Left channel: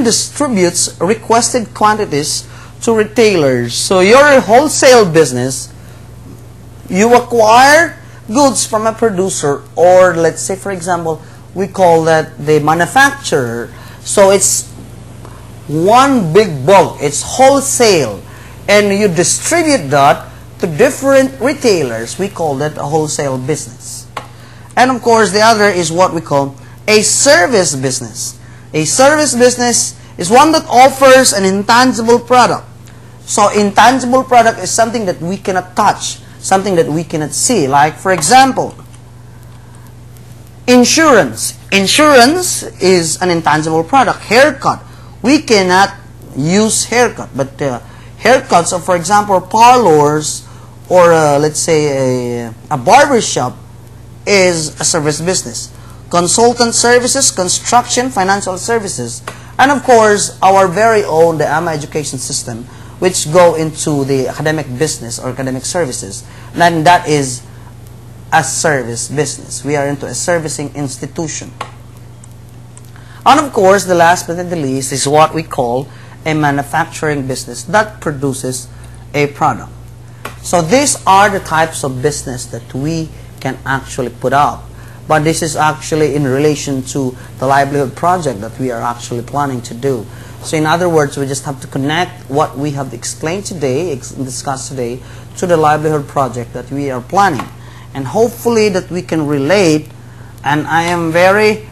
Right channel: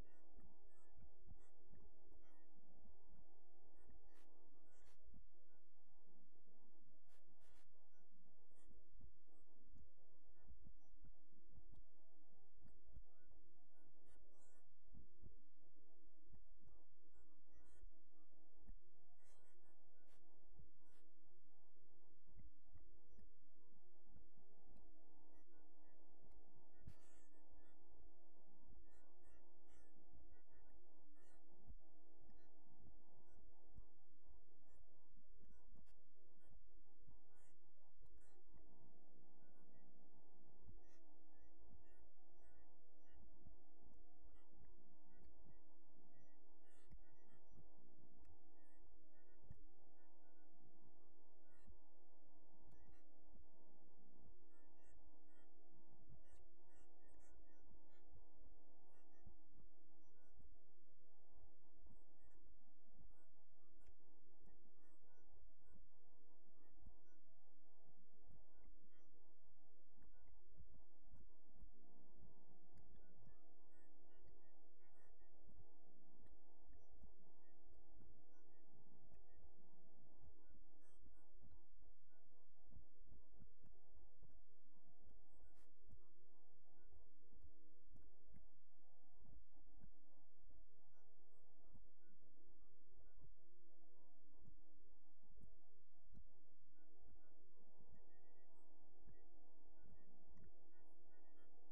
and distributes requested quantities to retailers. So you're a wholesale business. You acquire goods from a producer, or let's say, for example, we call that the manufacturer. So it's one big bulk. It's wholesale. And you distribute that to different retailers. We call that a wholesale business. And of course, the other is what we call a service business. A service business is one that offers an intangible product. So intangible product is something that we cannot touch, something that we cannot see. Like, for example, insurance. Insurance is an intangible product. Haircut. We cannot use haircut, but haircuts of, for example, parlors or let's say a barber shop is a service business. Consultant services, construction, financial services, and of course our very own the AMA education system, which go into the academic business or academic services. And that is a service business. We are into a servicing institution. And of course, the last but not the least is what we call a manufacturing business that produces a product. So these are the types of business that we can actually put up. But this is actually in relation to the livelihood project that we are actually planning to do. So in other words, we just have to connect what we have explained today, discussed today, to the livelihood project that we are planning. And hopefully that we can relate, and I am very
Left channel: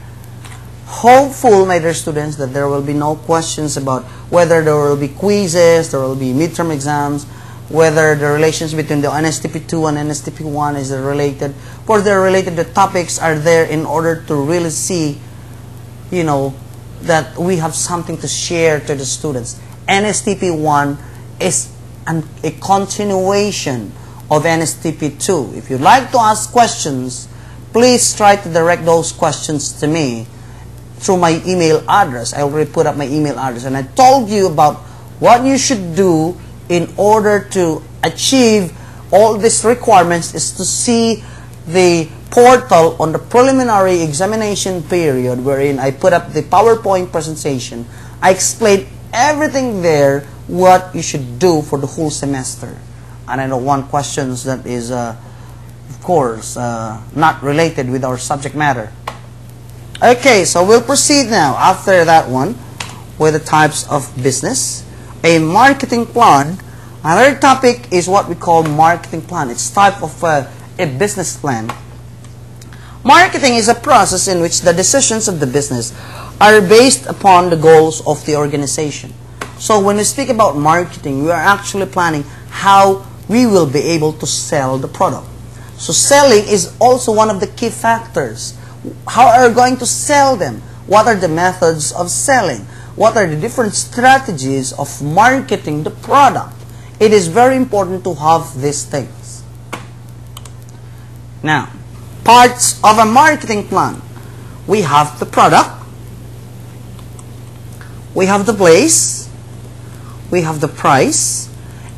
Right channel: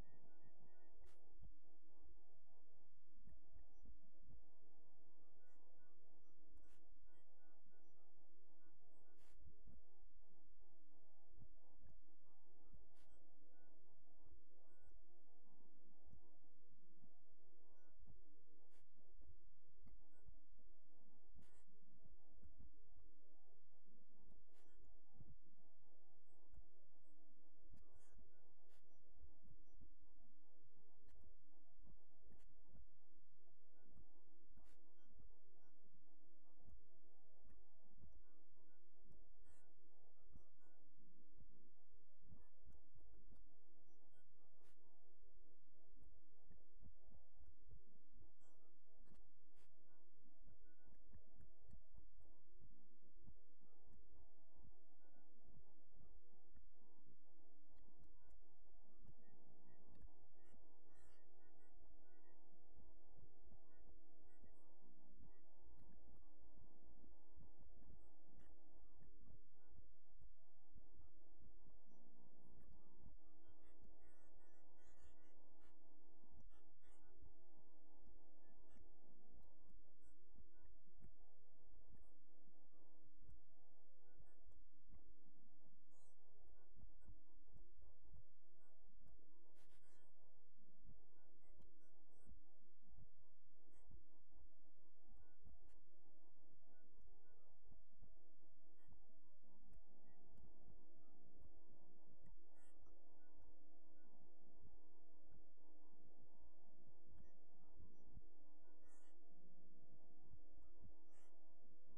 hopeful, my dear students, that there will be no questions about whether there will be quizzes, there will be midterm exams, whether the relations between the Nstp2 and Nstp1 is related. For the related, the topics are there in order to really see, you know, that we have something to share to the students. Nstp1 is a continuation of Nstp2. If you'd like to ask questions, please try to direct those questions to me through my email address. I already put up my email address, and I told you about what you should do in order to achieve all these requirements is to see the portal on the preliminary examination period, wherein I put up the PowerPoint presentation. I explained everything there, what you should do for the whole semester. And I don't want questions that is, of course, not related with our subject matter. Okay, so we'll proceed now after that one with the types of business. A marketing plan. Another topic is what we call marketing plan. It's type of a business plan. Marketing is a process in which the decisions of the business are based upon the goals of the organization. So when we speak about marketing, we are actually planning how we will be able to sell the product. So selling is also one of the key factors. How are we going to sell them? What are the methods of selling? What are the different strategies of marketing the product? It is very important to have these things. Now, parts of a marketing plan. We have the product, we have the place, we have the price,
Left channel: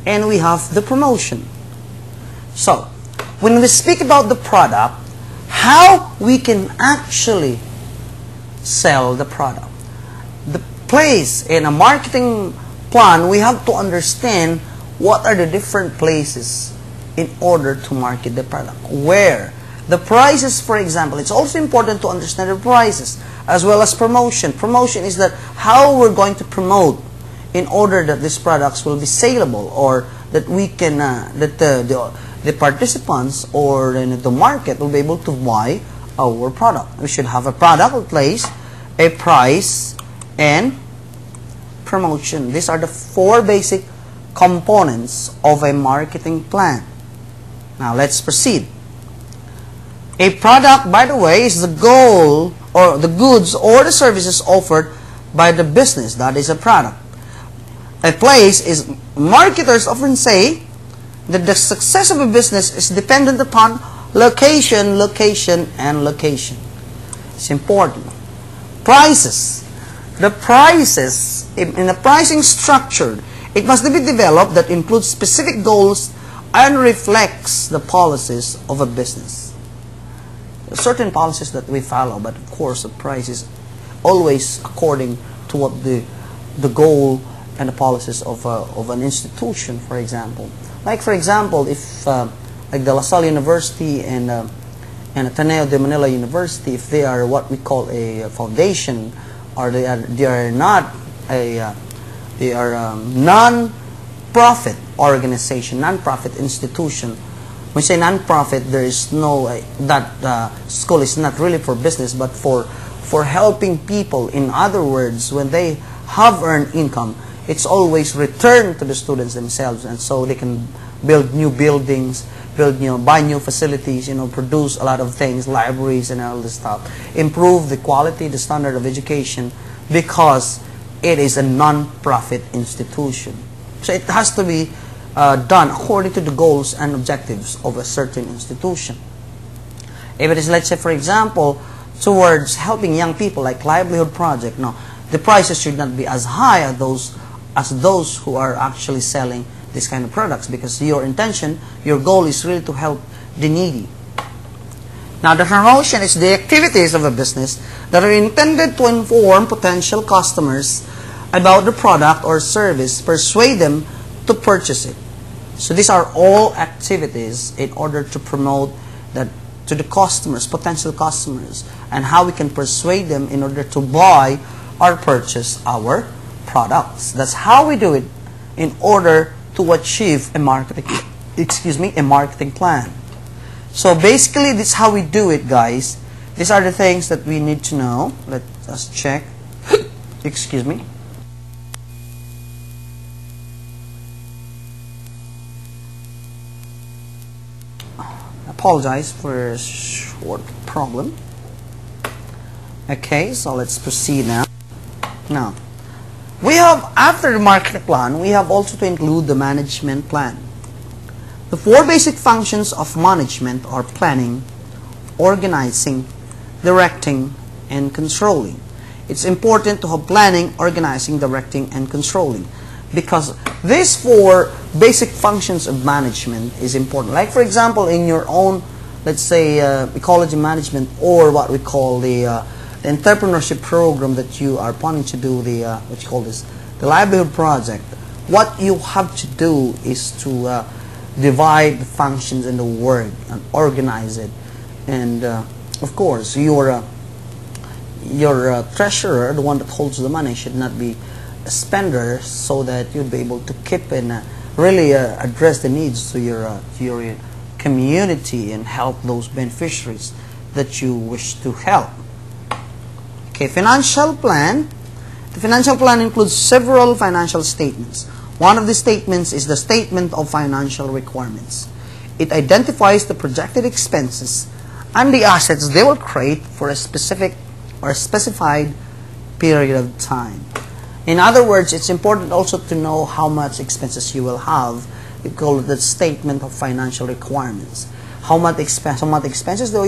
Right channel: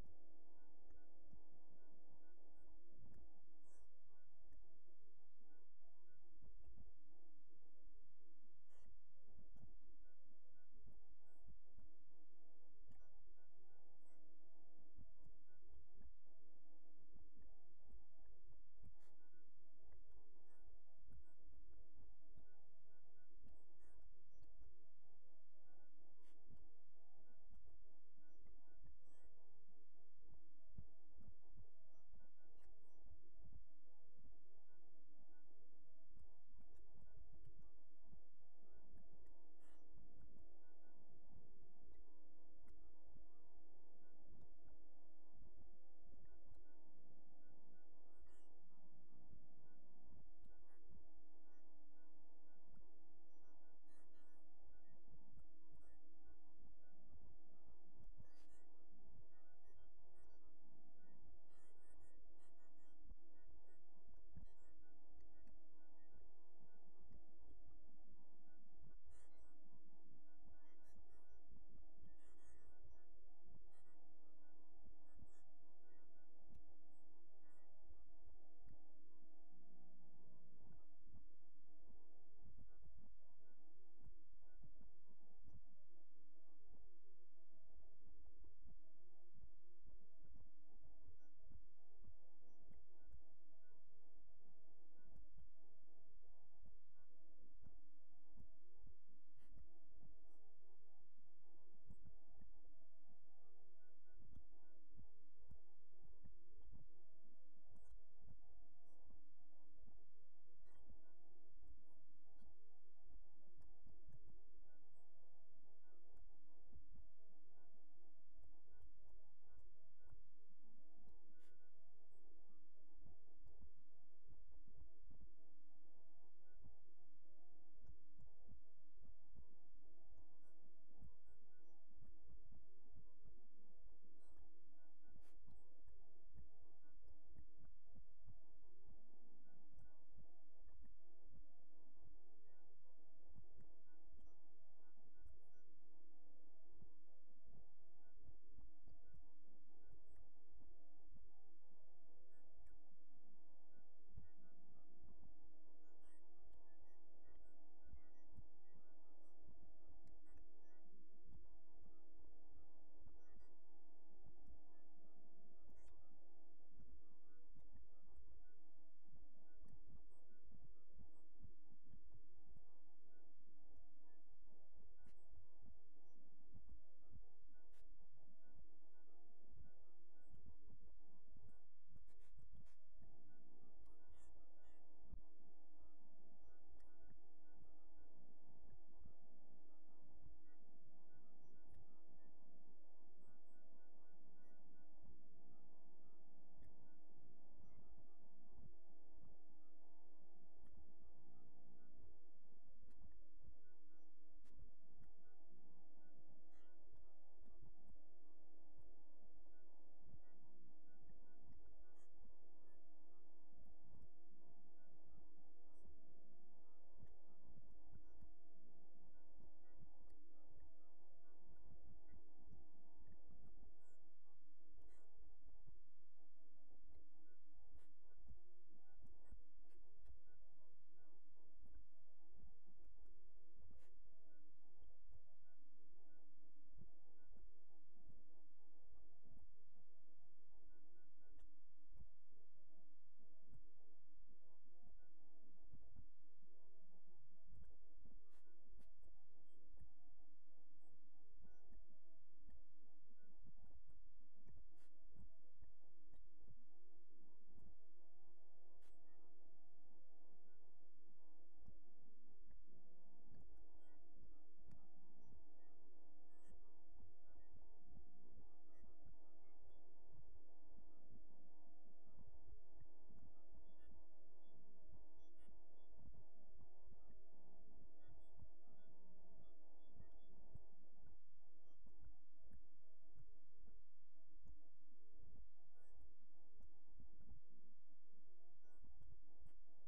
and we have the promotion. So, when we speak about the product, how we can actually sell the product. The place in a marketing plan, we have to understand what are the different places in order to market the product. Where? The prices, for example, it's also important to understand the prices as well as promotion. Promotion is that how we're going to promote in order that these products will be saleable, or that we can, that the participants or the market will be able to buy our product. We should have a product, a place, a price, and promotion. These are the four basic components of a marketing plan. Now let's proceed. A product, by the way, is the goal or the goods or the services offered by the business. That is a product. A place is, marketers often say that the success of a business is dependent upon location, location, and location. It's important. Prices. The prices, in a pricing structure, it must be developed that includes specific goals and reflects the policies of a business. There are certain policies that we follow, but of course the price is always according to what the the goal and the policies of an institution, for example. Like for example, if like the La Salle University and Ateneo de Manila University, if they are what we call a foundation, or they are not a they are a non-profit organization, non-profit institution. When we say non-profit, there is no that school is not really for business, but for helping people. In other words, when they have earned income, it's always returned to the students themselves, and so they can build new buildings, buy new facilities, produce a lot of things, libraries and all this stuff, improve the quality, the standard of education, because it is a non-profit institution. So it has to be done according to the goals and objectives of a certain institution. If it is, let's say, for example, towards helping young people, like livelihood project, no, the prices should not be as high as those who are actually selling this kind of products, because your intention, your goal is really to help the needy. Now, the promotion is the activities of a business that are intended to inform potential customers about the product or service, persuade them to purchase it. So these are all activities in order to promote that to the customers, potential customers, and how we can persuade them in order to buy or purchase our products. That's how we do it in order to achieve a marketing plan. So basically, this is how we do it, guys. These are the things that we need to know. Let us check. Excuse me. Apologize for a short problem. Okay, so let's proceed now. Now, we have, after the marketing plan, we have also to include the management plan. The four basic functions of management are planning, organizing, directing, and controlling. It's important to have planning, organizing, directing, and controlling, because these four basic functions of management is important. Like for example, in your own, let's say, ecology management, or what we call the entrepreneurship program that you are planning to do, the what you call this, the livelihood project. What you have to do is to divide the functions and the work and organize it, and of course your treasurer, the one that holds the money, should not be a spender, so that you'll be able to keep and really address the needs to your community and help those beneficiaries that you wish to help. Okay, financial plan. The financial plan includes several financial statements. One of the statements is the statement of financial requirements. It identifies the projected expenses and the assets they will create for a specific or a specified period of time. In other words, it's important also to know how much expenses you will have. We call it the statement of financial requirements. How much expenses do you